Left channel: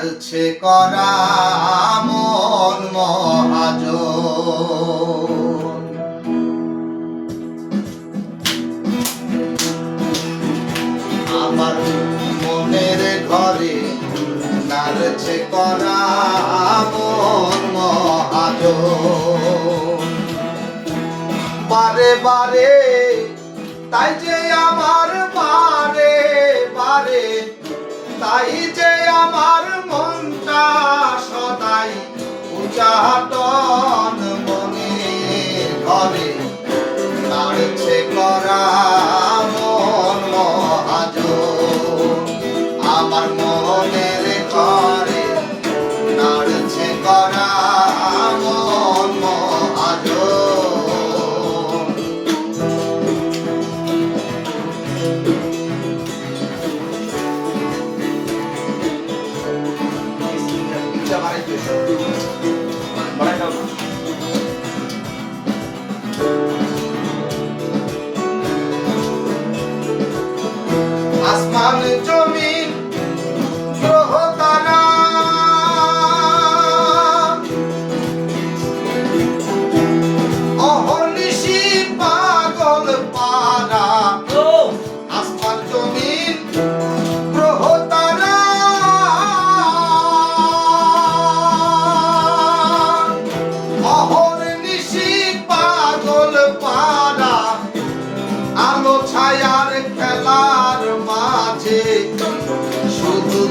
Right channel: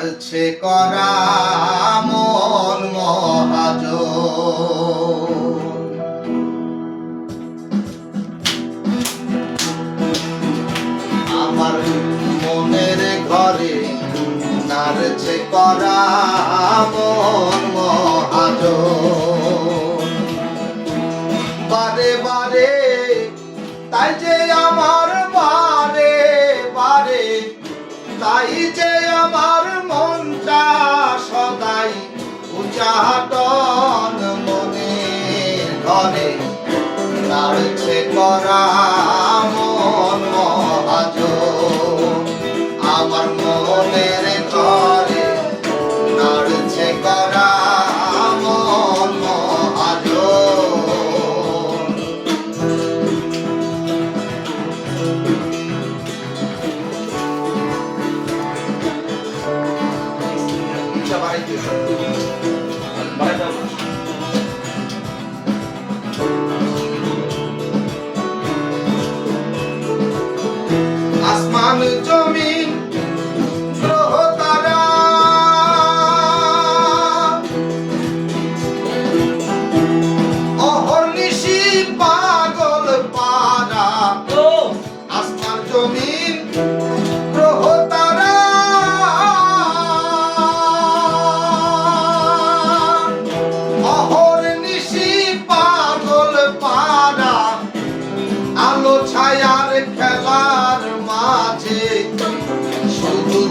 ছাড়ছে করা মন মহাজ আমার মনের ঘরে নাড়ছে করা মন মহাজ বারে বারে তাই যে Amém.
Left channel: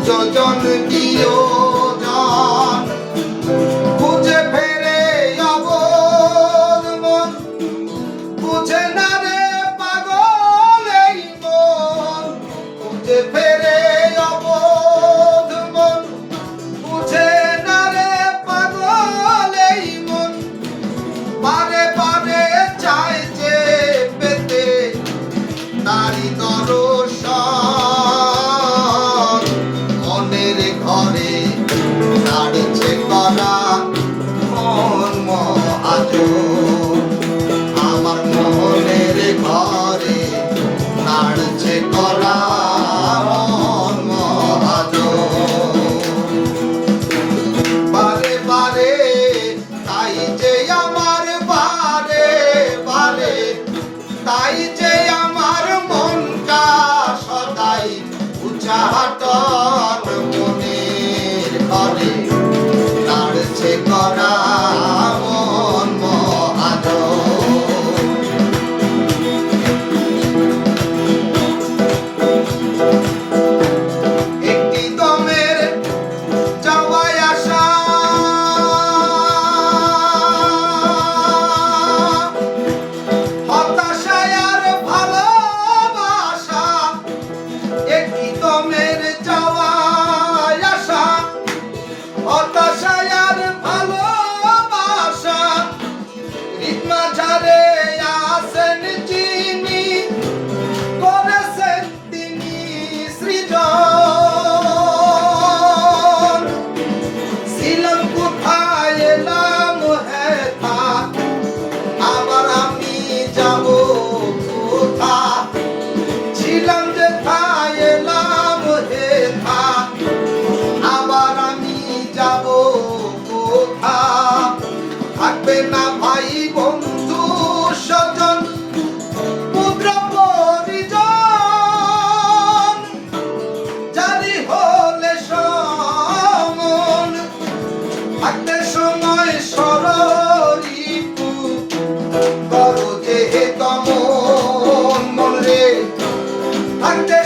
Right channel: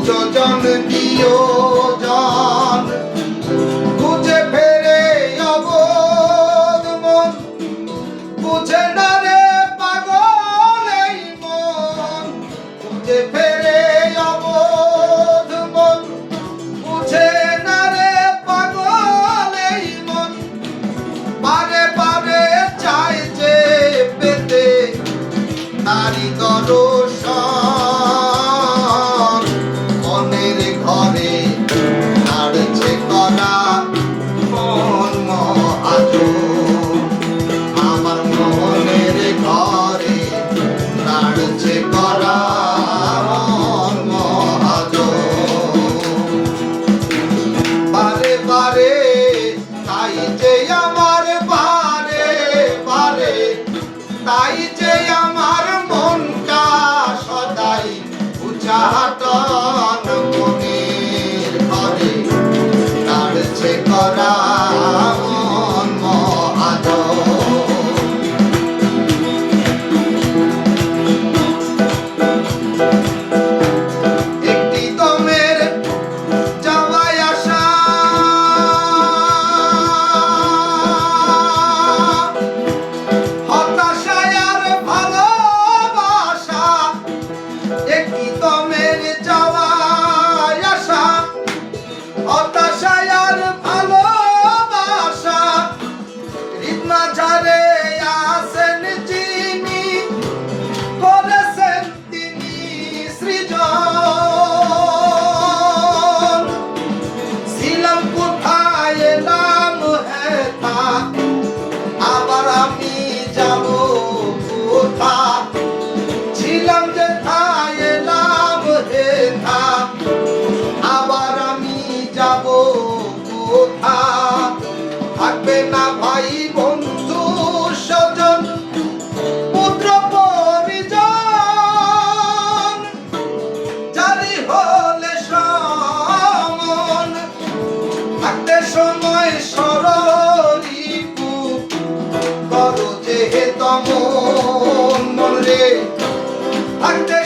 জন প্রিয় জন খুঁজে ফেরে অবোধ মন বুঝে না と。থাকবে না ভাই বন্ধু, স্বজন, পুত্র পরিজন। জানি হলে সমন, থাকতে সময় সরিপু করো যে তমন রে, থাকতে